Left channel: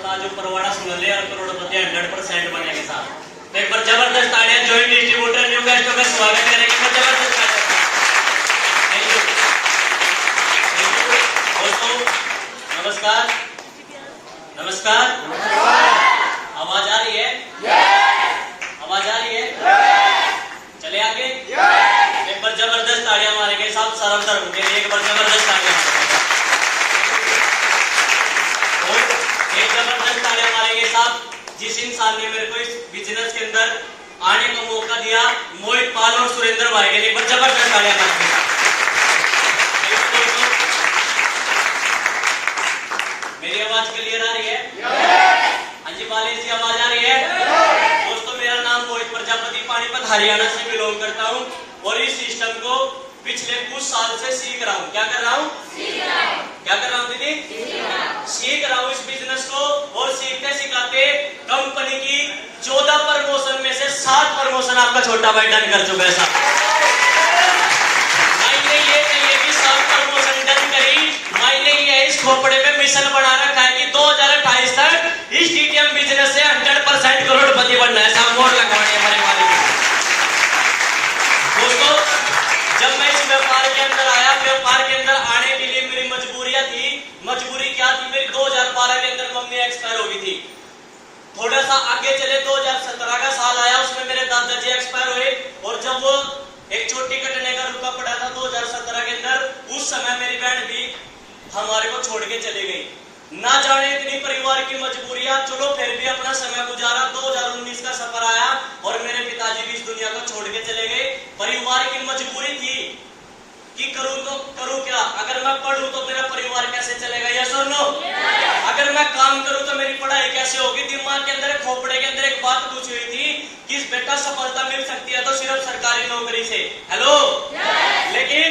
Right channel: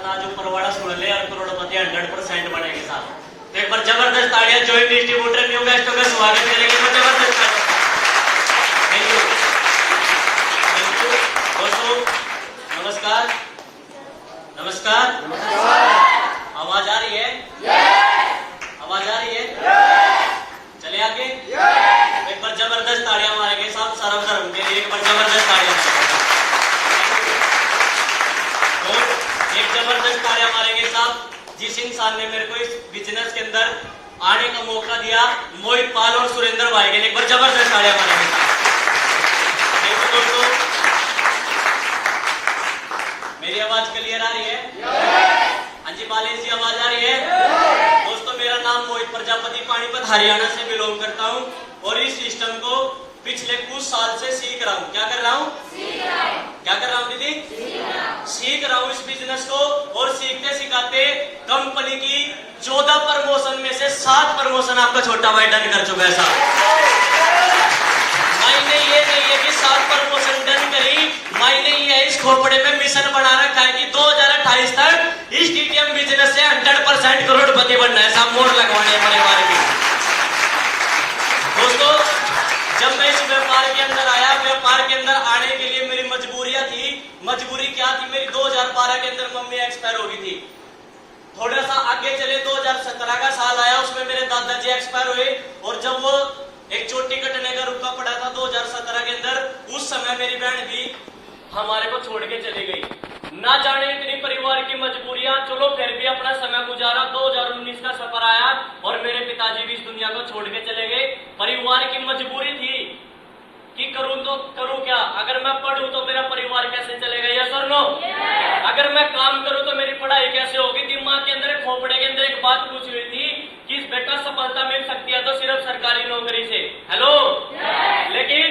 साथ आज परवाड़ा सुन ले और करोड़पति 100% बनेंगे साहब। तो एक बार जबरदस्त तालियां जॉइंट डिस्ट्रीब्यूटर न्यू गेस्ट में स्वागत करेंगे। जबरदस्त तालियां। थैंक यू दोस्तों। नमस्कार नमस्कार। आवाज आ रही है? आवाज आ रही है? चले आगे। एक बार जबरदस्त तालियां मारेंगे साहब सरम धर्म के लिए। एक बार जबरदस्त तालियां। एक जबरदस्त तालियां मारेंगे साहब जिस इंसान ने मेरे को इस बिजनेस के अंदर आने का मौका दिया, मोहित पाल और सुरेंद्र भाई के लिए एक बार जबरदस्त तालियां मारेंगे साहब। मेरी आवाज क्लियर आ रही है? हाँ जी बालेश जी आवाज आ रही है? दोस्तों मेरा नाम मोहित प्रजापति पानीपत हरियाणा से बिलोंग करता हूँ और इस सिस्टम को पिछले कुछ साल से सीख रहा हूँ। क्या कर रहा हूँ? क्या कर रहा हूँ दीदी? सीख रहा हूँ इस बिजनेस को और सीखते सिखाते कंपनी की 14 प्रमोशन में से 7 प्रमोशन आपका छोटा भाई डन कर चुका है साहब। मायने ये नहीं है कि 7 प्रमोशन डन करी, मायने ये है इस खोपड़े में मिशन बना रखा है कि 2028 तक इस डीटीएम बिजनेस से 100% करोड़पति बनना है साहब। मोड़ लगाने दोस्तों जब मैं इस व्यापार के अंदर आया, व्यापार के अंदर आने के लिए मेरी मजबूरियां थी। मजबूरी क्या थी? मेरी 2012 के अंदर मम्मी एक्सपायर हो गई थी। थोड़ा सा आगे चले 2017 का साल आया, उसमें मेरे दादाजी एक्सपायर हुए और जब वो एक चोटी कटने का रुका पड़ा था 2017 के अंदर, उस समय मेरी बहन भी हमारे को छोड़ के चली गई। ना जाने इतनी परिवार की मजबूरियां, चलो फिर भी अपना समय गुजारा। 2019 का सफर आया और मेरे पिताजी भी इस दुनिया को छोड़ के चले गए। परिवार की मजबूरी थी कि करूं तो करूं क्या? अगर मैं पढ़ूं तो मेरा परिवार कैसे चलेगा? यस और नो? अगर मैं काम करूं तो मेरी पढ़ाई कैसे होगी? दिमाग के अंदर खोपड़े के अंदर एक बात पूछ हुई थी कि इस बेटा सफलता मिल सकती है तो सिर्फ सरकारी नौकरी से। हेलो लेकिन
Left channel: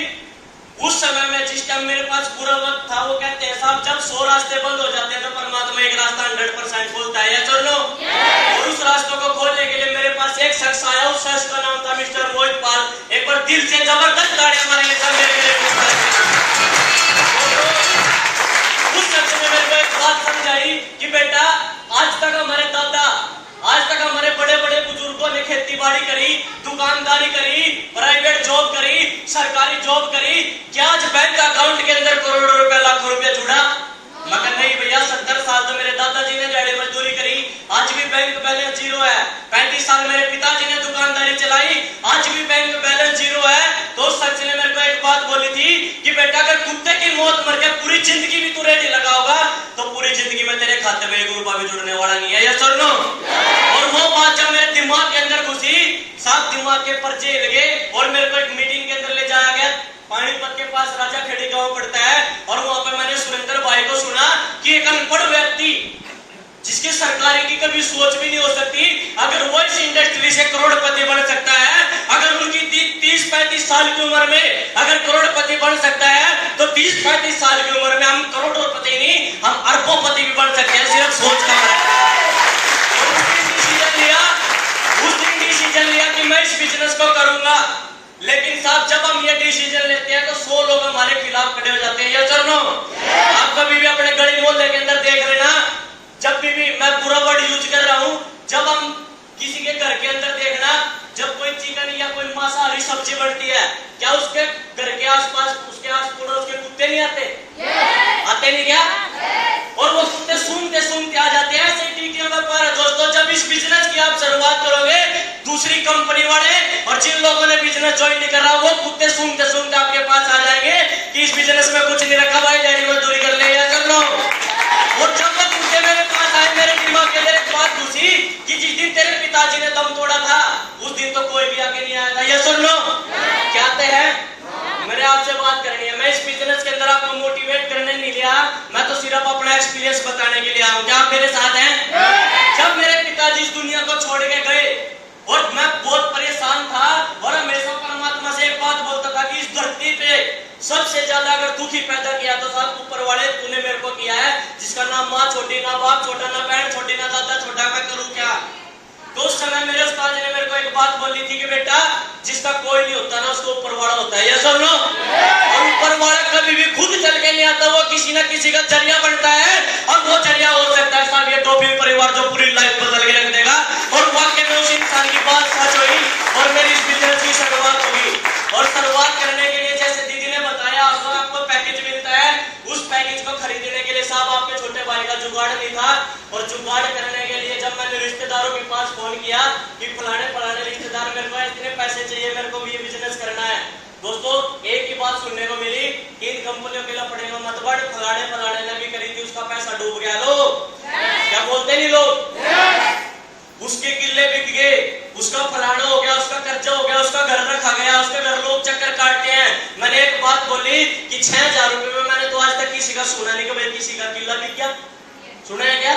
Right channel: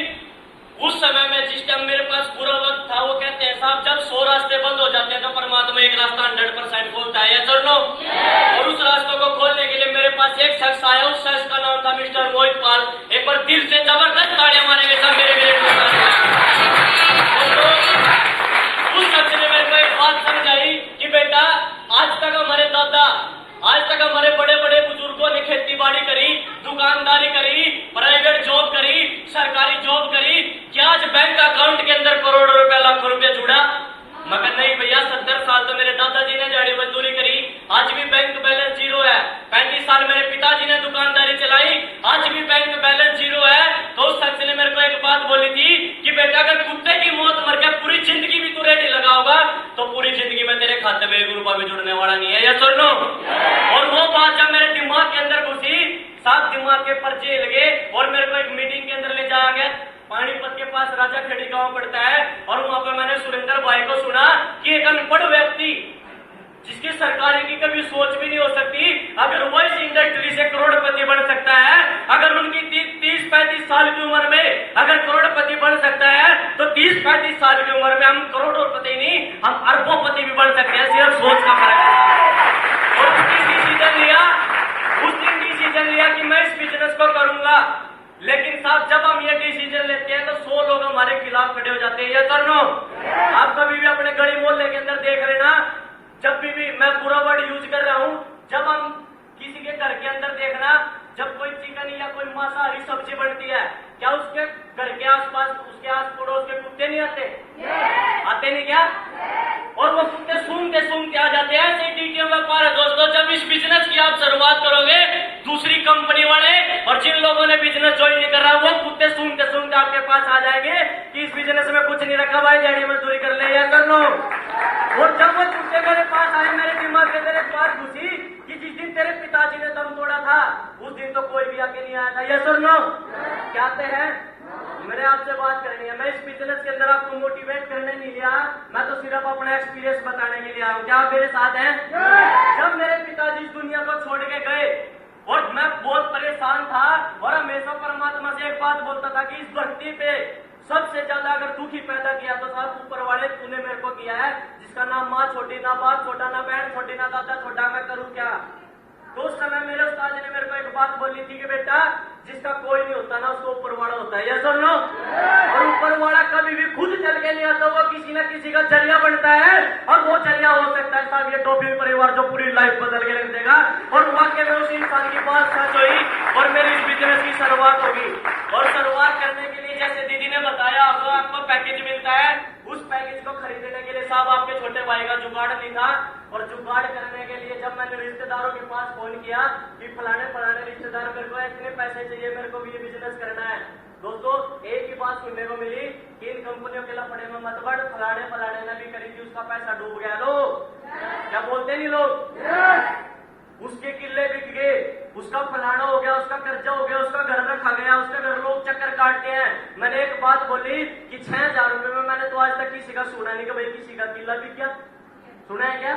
उस समय में जिस टाइम मेरे पास पूरा वक्त था, वो कहते हैं साहब जब 100 रास्ते बंद हो जाते हैं तो परमात्मा एक रास्ता 100% खोलता है। यस और नो? और उस रास्ते को खोलने के लिए मेरे पास एक शख्स आया, उस शख्स का नाम था मिस्टर मोहित पाल। एक बार दिल से जबरदस्त तालियां मारेंगे सब मेरे लिए। उस शख्स ने मेरे को एक बात समझाई कि बेटा आज तक हमारे दादा, आज तक हमारे बड़े बड़े बुजुर्गों ने खेती बाड़ी करी, दुकानदारी करी, प्राइवेट जॉब करी, सरकारी जॉब करी, क्या आज बैंक अकाउंट के अंदर करोड़ों रुपया लाखों रुपया जुड़ा? मगर नहीं भैया, 70 साल तो मेरे दादाजी ने दिहाड़ी मजदूरी करी, आज भी बैंक बैलेंस जीरो है। 35 साल मेरे पिताजी ने दुकानदारी चलाई, आज भी बैंक बैलेंस जीरो है। तो उस शख्स ने मेरे को एक बात बोली थी कि बेटा अगर कुत्ते की मौत मर के पूरी जिंदगी भी तू रेडी लगा होगा तो पूरी जिंदगी में तेरे खाते में 1 रुपया भी जुड़ने वाला नहीं है। यस और नो? और वो बात जब मेरे दिमाग के अंदर घुसी, साफ दिमाग के पर्चे लगे और मेरे को एक मीटिंग के अंदर ले जाया गया। पानीपत के पास राजा खेड़ी गांव पड़ता है और वहां पे मैंने सुरेंद्र भाई को सुना कि एक अनपढ़ व्यक्ति जिसकी सरकारी की कभी सोच भी नहीं हो सकती, अगर वो इस इंडस्ट्री से करोड़पति बन सकता है, अगर उनकी 30-35 साल की उम्र में अगर करोड़पति बन सकता है तो 30-35 साल की उम्र में हम करोड़पति नहीं, हम अरबोंपति भी बन सकते हैं। सिर्फ सोच का डिसीजन लिया कि मैं इस बिजनेस को करूंगा। लेकिन साहब जब हम ये डिसीजन लेते हैं तो 100 लोग हमारे खिलाफ खड़े हो जाते हैं। ये सर नो? आप कभी भी अपने गली मोहल्ले के अंदर देख लेना, जब भी मैं पूरा वर्ड यूज कर रहा हूं, जब हम किसी के घर के अंदर देखना, जब कोई चिकन या कोई मांसाहारी सब्जी बनती है, क्या उसके घर के आसपास, उसके आस पड़ोस के कुत्ते नहीं आते? आते नहीं क्या? और वो कुत्ते सूंघते सूंघते आ जाते हैं। ऐसे डीटीएम व्यापार है दोस्तों। जब इस बिजनेस की आप शुरुआत करोगे, दूसरी कंपनी वाले और जिन लोगों ने बिजनेस ज्वाइन नहीं करा, वो कुत्ते सूंघते सूंघते आपके पास आ जाएंगे कि इस बिजनेस में कुछ नहीं रखा भाई, दिहाड़ी मजदूरी कर ले या कर लो। और जब वो कुत्ते मेरे पास आए, मेरे दिमाग के अंदर एक बात घुसी कि जिस दिन तेरे पिताजी ने दम तोड़ा था उस दिन तो कोई भी आके नहीं आया था। यस और नो? क्या आते हैं? मेरे आपसे बात करनी है। मैं इस बिजनेस के अंदर आपको मोटिवेट करने नहीं लिया, मैं तो सिर्फ अपना एक्सपीरियंस बताने के लिए आया हूं। क्या आप मेरे साथ हैं? जब मेरे पिताजी इस दुनिया को छोड़ के गए और मैं बहुत परेशान था और हमेशा परमात्मा से एक बात बोलता था कि इस धरती पे सबसे ज्यादा अगर दुखी पैदा किया तो साहब ऊपर वाले तूने मेरे को किया है, जिसका ना माँ छोटी, ना बाप छोटा, ना बहन छोटी, ना दादा छोटा, मैं करूं क्या? तो उस समय मेरे उस्ताद ने मेरे को एक बात बोली थी कि बेटा जिसका कोई नहीं होता ना उसको ऊपर वाला होता है, ये सब नो। और ऊपर वाला कभी भी खुद चल के नहीं आता, वो किसी ना किसी का जरिया बनता है। और वो जरिया हो सकता है साहब ये टॉफी परिवार जो पूरी लाइफ बदल के रख देगा। और वाकई में उस इंसान की बात सच हुई और मेरी इस बिजनेस की शुरुआत होगी। और शुरुआत करने के लिए जैसे दीदी ने बताया आपको पैकेज मिलता है, उस पैकेज को खरीदने के लिए साहब आपके छोटे भाई का जुगाड़ नहीं था। और जुगाड़ करने के लिए जब मैंने रिश्तेदारों के पास फोन किया कि फलाने फलाने रिश्तेदार मेरे को इतने पैसे चाहिए, मेरे को भी ये बिजनेस करना है, दोस्तों एक ही बात सुनने को मिली, इन कंपनियों के लफड़े में मत बढ़, फलाने फलाने ने भी करी थी, उसका पैसा डूब गया। लो क्या बोलते नहीं लोग, उसके किले बिक गए, उसका फलाना हो गया, उसका कर्जा हो गया, उसका घर रखा गया, उसके घर लोग चक्कर काटते हैं। मैंने एक बात बोली कि 6000 रुपए में मैंने तो आज तक किसी का सुना नहीं कि भाई किसी का किला बिक गया। सुना है क्या?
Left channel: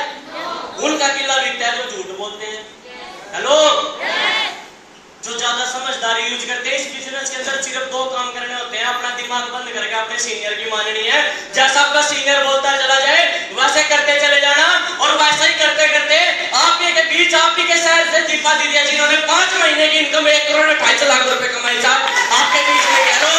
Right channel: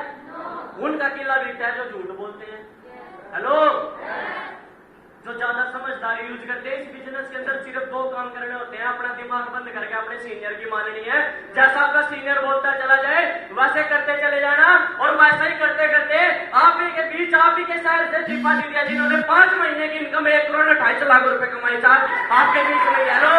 उनका किला बिकता है जो झूठ बोलते हैं। हेलो, जो ज्यादा समझदारी यूज करते हैं। इस बिजनेस के अंदर सिर्फ 2 काम करने होते हैं, अपना दिमाग बंद करके अपने सीनियर की माननी है। जैसा आपका सीनियर बोलता चला जाए वैसे करते चले जाना, और वैसे ही करते करते आप ही के बीच, आप ही के शहर से दीपा दीदी जिन्होंने 5 महीने की इनकम 1 करोड़ 28 लाख रुपए कमाई साहब आपके बीच में क्या लो।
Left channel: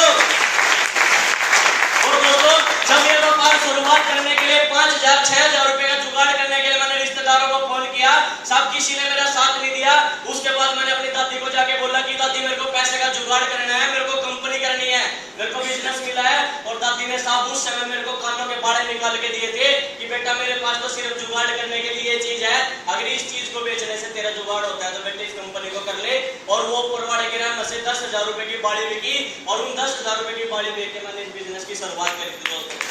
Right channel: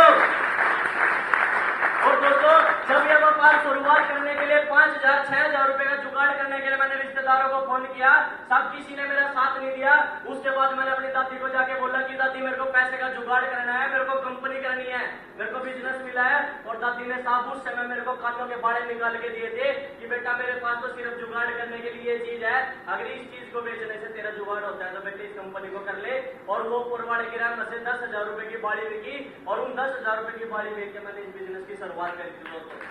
और दोस्तों जब ये व्यापार शुरुआत करने के लिए 5000 6000 रुपए का जुगाड़ करने के लिए मैंने रिश्तेदारों को फोन किया, साहब किसी ने मेरा साथ नहीं दिया। उसके बाद मैंने अपनी दादी को जाके बोला कि दादी मेरे को पैसे का जुगाड़ करना है, मेरे को कंपनी करनी है, मेरे को बिजनेस मिला है। और दादी ने साहब उस समय मेरे को कानों के बाड़े निकाल के दिए थे कि बेटा मेरे पास तो सिर्फ जुगाड़ करने के लिए ये चीज है, अगर इस चीज को बेचने से तेरा जुगाड़ होता है तो बेटे इस कंपनी को कर ले। और वो पुरवाड़े के राम से 10,000 रुपए की बाड़ी बिकी, और उन 10,000 रुपए की बाड़ी बेच के मैंने इस बिजनेस की शुरुआत करी थी दोस्तों।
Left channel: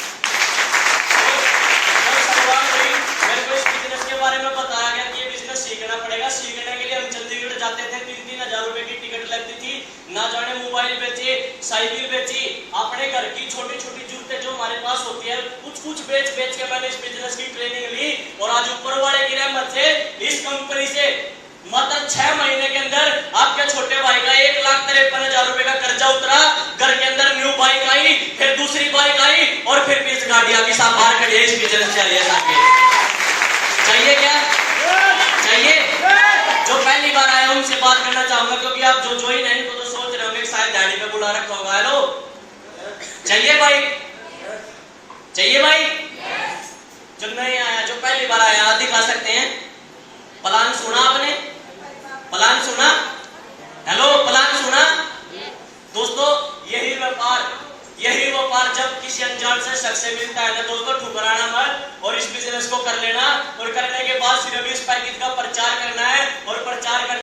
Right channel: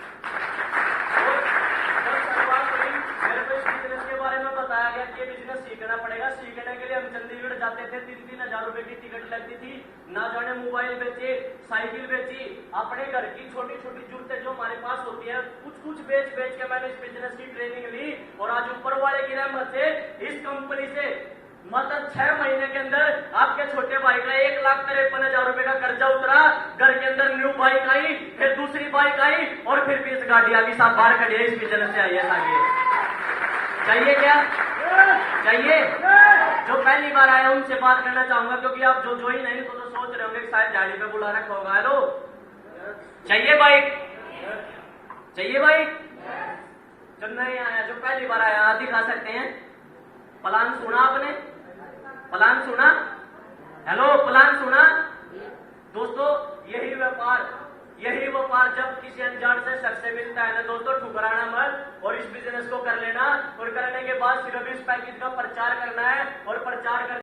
मेरे को इस बिजनेस के बारे में बताया गया कि ये बिजनेस सीखना पड़ेगा। सीखने के लिए हम चंडीगढ़ जाते थे, 3-3 हजार रुपए की टिकट लगती थी, ना जाने मोबाइल बेचे, साइकिल बेची, अपने घर की छोटी छोटी जरूरतें जो हमारे पास होती है कुछ बेच के मैंने इस बिजनेस की ट्रेनिंग ली। और आज ऊपर वाले की रहमत से इस कंपनी से मात्र 6 महीने के अंदर आपके छोटे भाई का 1,53,000 रुपए का कर्जा उतरा, घर के अंदर न्यू बाइक आई, फिर दूसरी बाइक आई, और फिर भी इस गाड़ियां की साथ बाहर खड़ी है। इस बिजनेस चाहिए क्या? चाहिए? जो पहली बार आए उनसे बात करना चाहूंगा, क्योंकि आप जो ही नहीं तो सोच रहे होंगे शायद दाढ़ी पे बुला रखा होगा। हेलो, चाहिए बाइक? चाहिए बाइक? जो नहीं आया, जो पहली बार आया दिखा सकते हैं। प्लान सुना आपने? प्लान सुना? हेलो, प्लान सुना? दोस्तों यही व्यापार जब किसी अनजान से शख्स से मिलता है ना दोस्तों, ठुकराना मत और इस बिजनेस को कर लेना। और करने के बाद सिर्फ इस पैकेज का प्रचार करना है, और प्रचार कर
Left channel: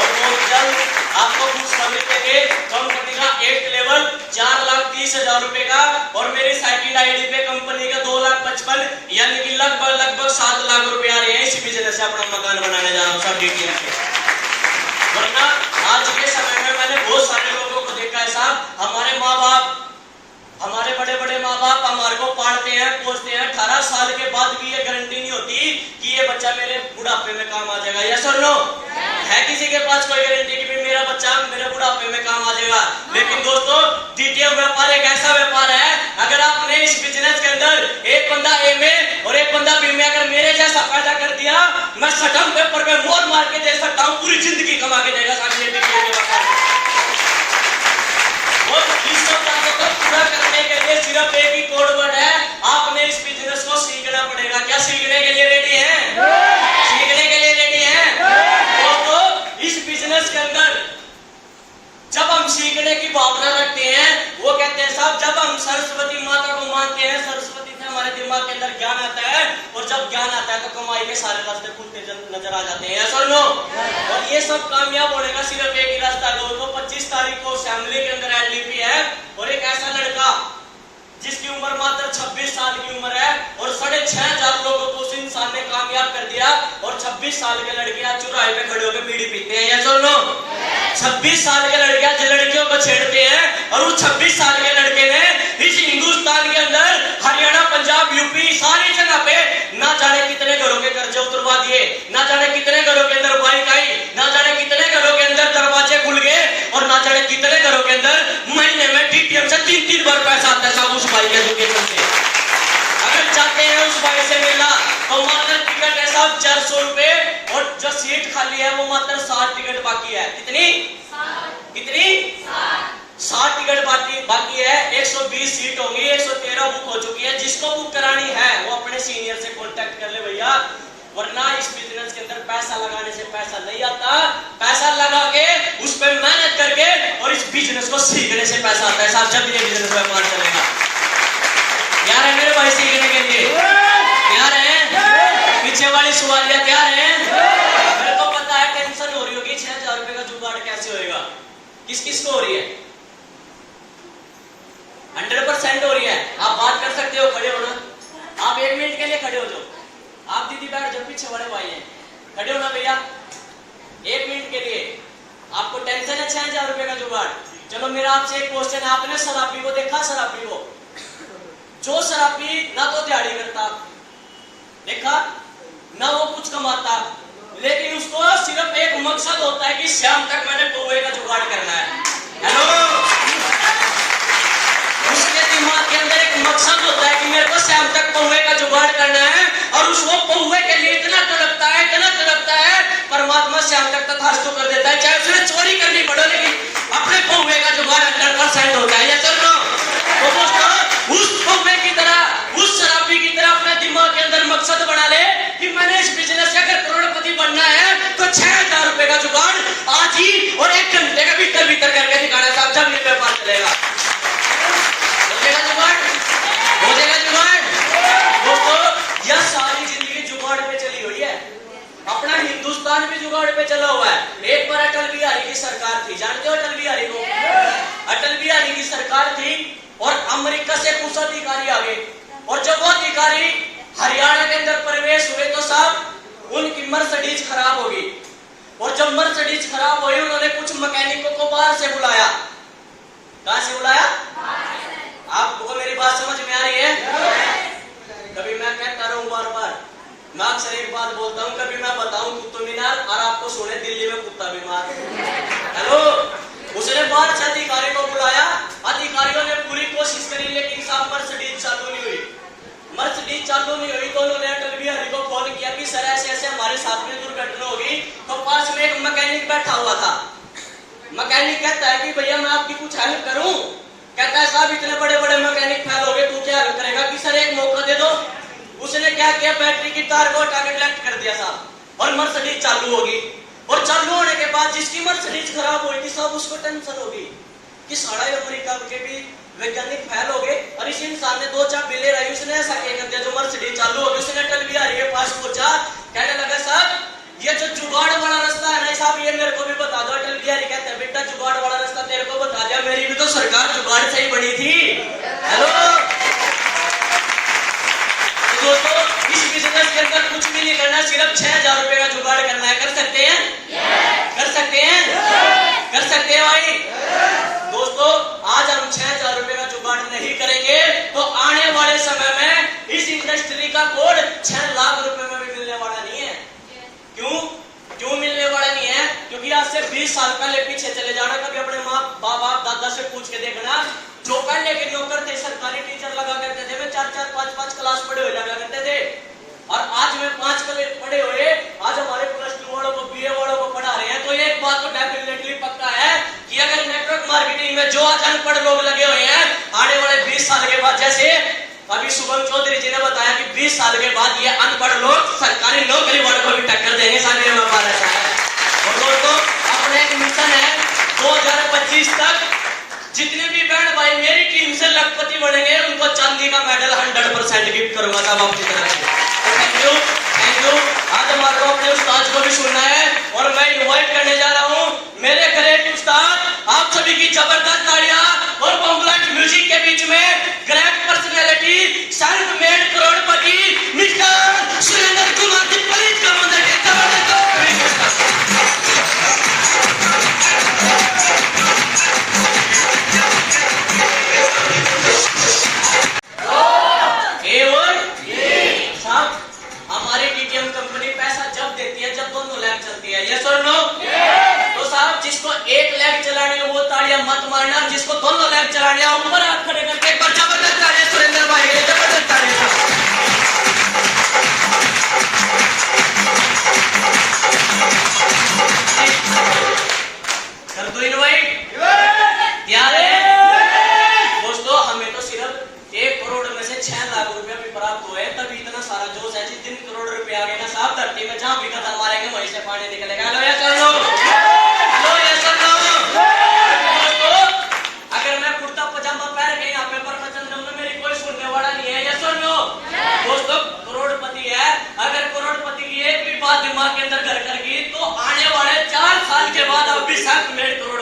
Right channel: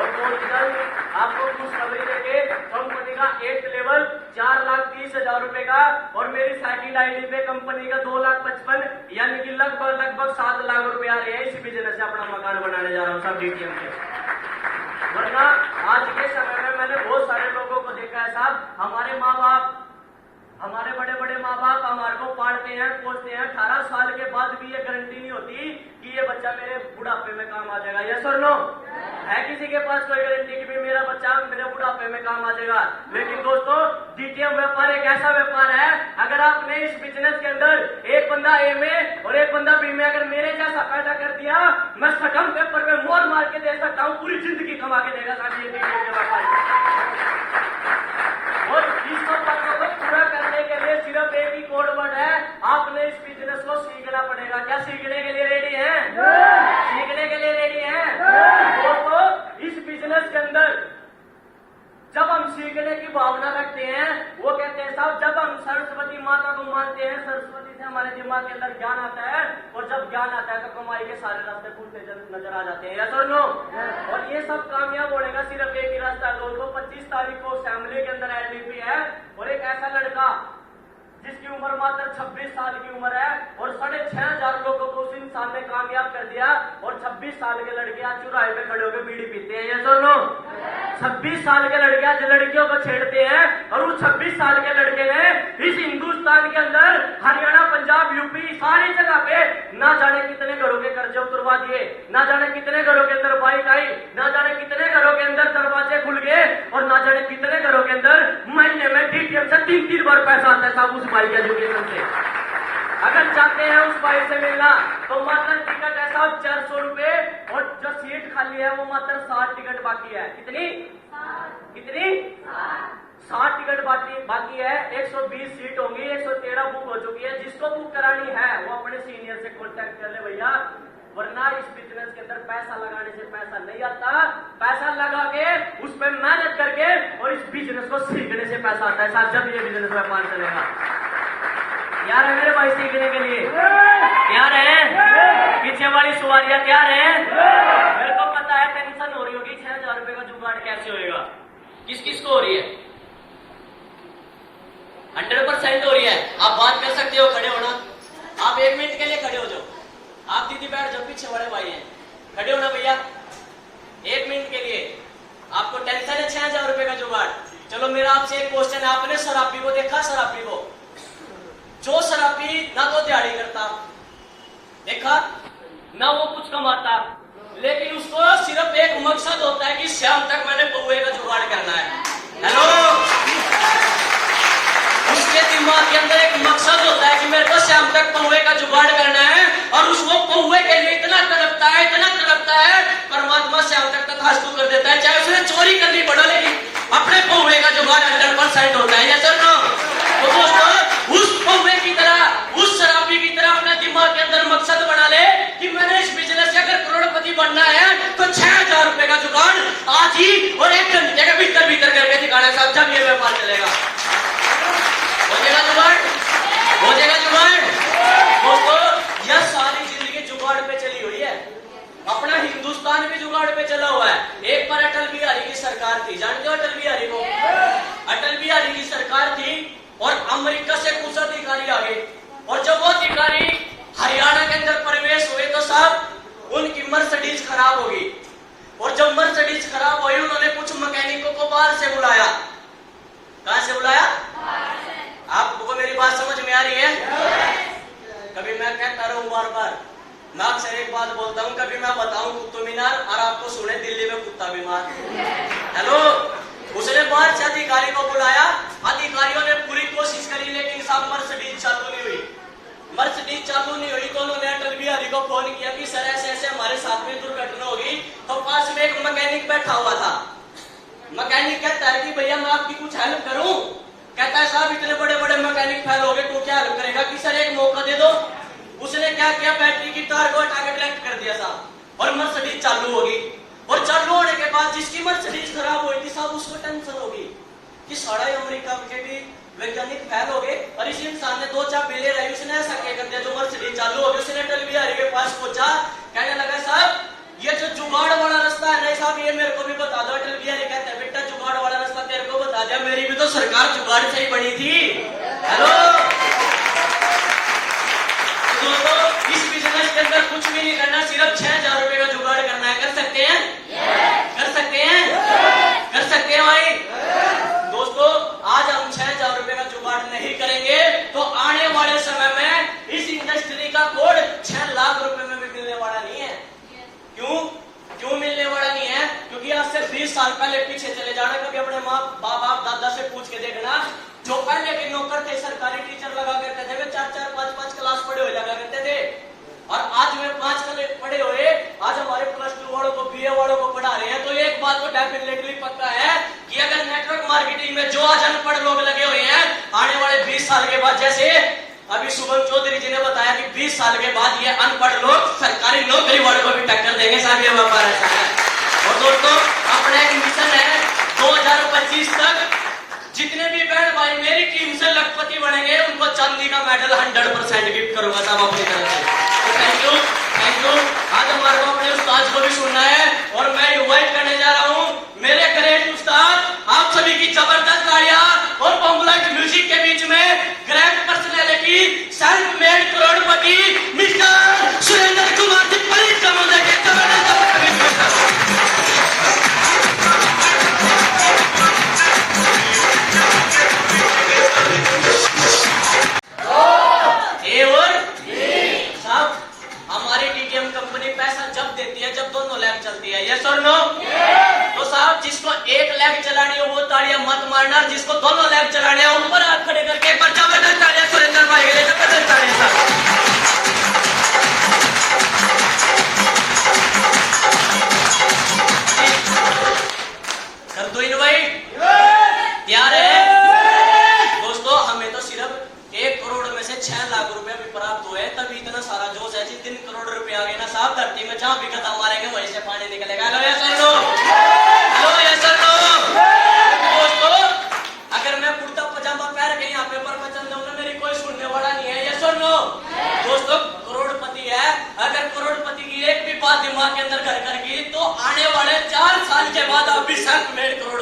और बहुत जल्द आपको खुशखबरी देंगे। कंपनी का 8th लेवल 4,30,000 रुपए का, और मेरी सेकंड आईडी पे कंपनी का 2,55,000, यानी कि लगभग 7 लाख रुपए आ रहे हैं। इसी बिजनेस से अपना मकान बनाने जा रहा हूँ सब डिटेल से। वरना आज के समय में मैंने बहुत सारे लोगों को देखा है साहब, हमारे माँ बाप, हमारे बड़े बड़े माँ बाप हमारे को पालते हैं पोसते हैं, 18 साल के बाद भी ये गारंटी नहीं होती कि ये बच्चा मेरे बुढ़ापे में काम आ जाएगा। यस और नो? है किसी के पास कोई गारंटी कि भाई मेरा बच्चा मेरे बुढ़ापे में काम आ जाएगा? लेकिन दोस्तों डिटेल व्यापार एक ऐसा व्यापार है, अगर आपने इस बिजनेस के अंदर एक बंदा ए में और एक बंदा बी में अगर मेरे जैसा पैदा कर दिया, मैं सटम पेपर पे मोहर मार के दे सकता हूँ, पूरी जिंदगी कमा के देगा साथ में। और इस सब बातों को पूरा करने के लिए सिर्फ एक ही कोड वर्ड है, आपने इस बिजनेस को सीखना पड़ेगा। क्या सीखने के लिए रेडी हैं? सीखने के लिए रेडी हैं? तो इस बिजनेस के अंदर जब हम सीखने की भावना रखते हैं, वो कहते हैं साहब जब हम सरस्वती माता को मानते हैं, सरस्वती से हमारे दिमाग के अंदर ज्ञान आता है, और जब ज्ञान आता है तो कमाई के सारे रास्ते खुलते नजर आ जाते हैं। ऐसा नो? और ये सब कामयाब होने का सिर्फ एक ही रास्ता है दोस्तों। 25 तारीख को असेंबली के अंदर एडलीपी है, और एक ऐसा लड़का जिसकी उम्र मात्र 26 साल की उम्र है, और 6,500 लोगों को उस इंसान ने कामयाब कर दिया। और 26 साल के लड़के आज चौराहे पे खड़े होकर बीड़ी पीते हैं। ये सुन लो, 26 साल के लड़के आज लड़कियों को छेड़ते हैं, और उस 26 साल के लड़के ने इस हिंदुस्तान के अंदर हरियाणा, पंजाब, यूपी सारी जगह पे ना जाने कितने घरों के कर्जे उतरवा दिए, ना जाने कितने घरों के अंदर बाइक आई, ना जाने कितने घरों के अंदर दरवाजे खुल गए, और ना जाने कितने घरों के अंदर महीने में टीटीएम से 3-3 बार पैसा आता है साहब उस भाई के एजुकेशन से। अगर चाहते हैं उस भाई से मिलना तो मात्र टिकट है साहब 400 रुपए, और जो सीट खाली है वो मात्र 60 टिकट बाकी है। कितनी? से पैसा आता है साहब, जब ये बिजनेस व्यापार चलेगा। तैयार है मेरे भाई सीखने के लिए? तैयार है? पीछे वाली सवालियां तैयार है? मेरे को पता है टेंशन हो रही होगी 6000 रुपए का जुगाड़ कैसे होएगा। किस किस को हो रही है? 100% हो रही है। आप बात कर सकते हो, खड़े हो ना? आप 1 मिनट के लिए खड़े हो जाओ। आप दीदी बैठ जाओ, पीछे वाले भाई हैं, खड़े हो ना भैया 1 मिनट के लिए। आपको टेंशन है 6000 रुपए का जुगाड़। चलो मेरा आपसे एक क्वेश्चन है, आपने शराबी को देखा? शराबी को, जो शराबी ना तो दिहाड़ी करता, देखा ना वो कुछ कमाता, लेकिन उसको सिर्फ एक मकसद होता है कि शाम तक मैंने पौवे का जुगाड़ करना है। हेलो, उसके दिमाग के अंदर एक मकसद होता है कि मेरे को शाम तक पौवे का जुगाड़ करना है, और उस वो पौवे के लिए इतना तड़पता है, इतना तड़पता है, परमात्मा शाम तक तथास्तु कर देता है, चाहे उसने चोरी करनी पड़े, लेकिन अपने पौवे का जुगाड़ 100% होता है। या चलो तो दोस्तों, उस पौवे की तरह, उस शराबी की तरह अपने दिमाग के अंदर मकसद बना ले कि मैंने इस बिजनेस से अगर करोड़पति बनना है तो 6000 रुपए का जुगाड़ आज ही और 1 घंटे का भीतर भीतर करके दिखाना साहब, जब ये व्यापार चलेगा। हो जाएगा जुगाड़, हो जाएगा जुगाड़। दोस्तों यह सारी जिंदगी जुगाड़ पे चली हुई है, अपना हिंदुस्तान भी जुगाड़ पे चला हुआ है। एक बार अटल बिहारी की सरकार थी, जानते हो अटल बिहारी को? अटल बिहारी की सरकार थी और अमेरिका से कुछ अधिकारी आ गए, और जब वो अधिकारी हरियाणा के अंदर प्रवेश हुए तो साहब उनकी मर्सिडीज खराब हो गई, और जब मर्सिडीज खराब हुई उन्होंने कुछ मैकेनिकों को बाहर से बुलाया। कहां से बुलाया? आपको मेरी बात समझ में आ रही है? कभी मैं कहता रहूं बार बार, मैं अक्सर एक बात बोलता हूं, कभी मैं बताऊं कुत्तों मीनार और आपको सुने दिल्ली में कुत्ता बीमार। हेलो, उसने बाहर से अधिकारी को बुलाया, अधिकारियों ने पूरी कोशिश करी, लेकिन साहब मर्सिडीज चालू नहीं हुई। मर्सिडीज चालू नहीं हुई तो उन्होंने अटल बिहारी को फोन किया कि सर ऐसे ऐसे हमारे साथ में दुर्घटना हो गई। तो पास में एक मैकेनिक बैठा हुआ था। मैकेनिक कहता है कि भैया मैं आपकी कुछ हेल्प करूं? कहता है साहब इतने बड़े बड़े मैकेनिक फेल हो गए, तू क्या हेल्प करेगा? कि सर एक मौका दे दो। उसने क्या किया, बैटरी की तार को हटा के कनेक्ट कर दिया साहब, और मर्सिडीज चालू होगी। और चालू होने के बाद जिसकी मर्सिडीज खराब हुई थी साहब, उसको टेंशन होगी कि सारा अमेरिका के भी वैज्ञानिक फेल हो गए, और इस इंसान ने 2 चाबी ले रही, उसने ऐसा क्या कर दिया जो मर्सिडीज चालू हो गई। उसने अटल बिहारी के पास पहुंचा, कहने लगा साहब ये जो जुगाड़ वाला रास्ता है ना साहब, ये मेरे को भी बता दो। अटल बिहारी कहते हैं बेटा जुगाड़ वाला रास्ता तेरे को बता दिया, मेरी भी तो सरकार जुगाड़ से ही बनी थी। हेलो दोस्तों, इस बिजनेस के अंदर कुछ भी नहीं करना, सिर्फ 6000 रुपए का जुगाड़ करना है। कर सकते हैं? कर सकते हैं? कर सकते हैं भाई? दोस्तों आज हम 6000 रुपए का जुगाड़ नहीं करेंगे तो आने वाले समय में इस इंडस्ट्री का कोड 6 लाख रुपए में भी मिलने वाला नहीं है। क्यों मिलने वाला नहीं है? क्योंकि आज से 20 साल पहले पीछे चले जाना, कभी अपने माँ बाप दादा से पूछ के देखना, जो पहले के नौकर थे सरकारी टीचर लगा करते थे, वे 4-4 5-5 क्लास पढ़े हुए लगा करते थे, और आज वे 5 क्लास पढ़े हुए आज हमारे +2 वालों को, BA वालों को पढ़ा रहे हैं। तो एक बात तो डेफिनेटली पक्का है कि अगर नेटवर्क मार्केटिंग में जो आज अनपढ़ लोग लगे हुए हैं, आने वाले 20 साल के बाद, जैसे अभी शुभम चौधरी जी ने बताया कि 20 साल के बाद ये अनपढ़ लोग सरकारी नौकरी वालों को भी टक्कर देंगे साहब, ये व्यापार ऐसा है। और दोस्तों अपना एक मिशन है 2025 तक जितने भी बहन भाई मेरी टीम से लखपति बनेंगे उनको चांदी का मेडल 100% गिफ्ट करूंगा साहब अपनी तरफ से। तो थैंक यू, थैंक यू। आज हमारे को अपने उस्ताद को भी सुनना है, और मैं इनवाइट करने जा रहा हूं मेरे ग्रेट उस्ताद, आप सभी की जबरदस्त तालियां और बॉम्बलाइट म्यूजिक के बीच में ग्रेट पर्सनैलिटी, सेल्फ मेड करोड़पति mister Surendra Kumar ji, please come on the stage. हमारी टीटीएम कंपनी पैसा जब देती है जब दोनों लैब चलती है, यस और नो? तो साहब जिसको एक लैब चलानी है वो तालियां मत मारना, जिसको दोनों लैब चलाने हैं ऊपर हाथ खड़े करके एक बार जबरदस्त तालियां सुरेंद्र भाई के लिए, जबरदस्त तालियां। कर दो इनवाइट, तैयार है? दोस्तों हमें तो सिर्फ 1 करोड़ में से 6 लाख रुपए भी प्राप्त हुए, तभी इतना सारा जोश है। जिस दिन करोड़ रुपए आ गए ना साहब, धरती में जहां भी कदम मारेंगे वहीं से पानी निकलेगा। हेलो यस और नो? हेलो यस और नो? दोस्तों अगर मैं के अंदर घर कर की, तो आने वाले 4 साल के बाद आप भी 7 मेड करोड़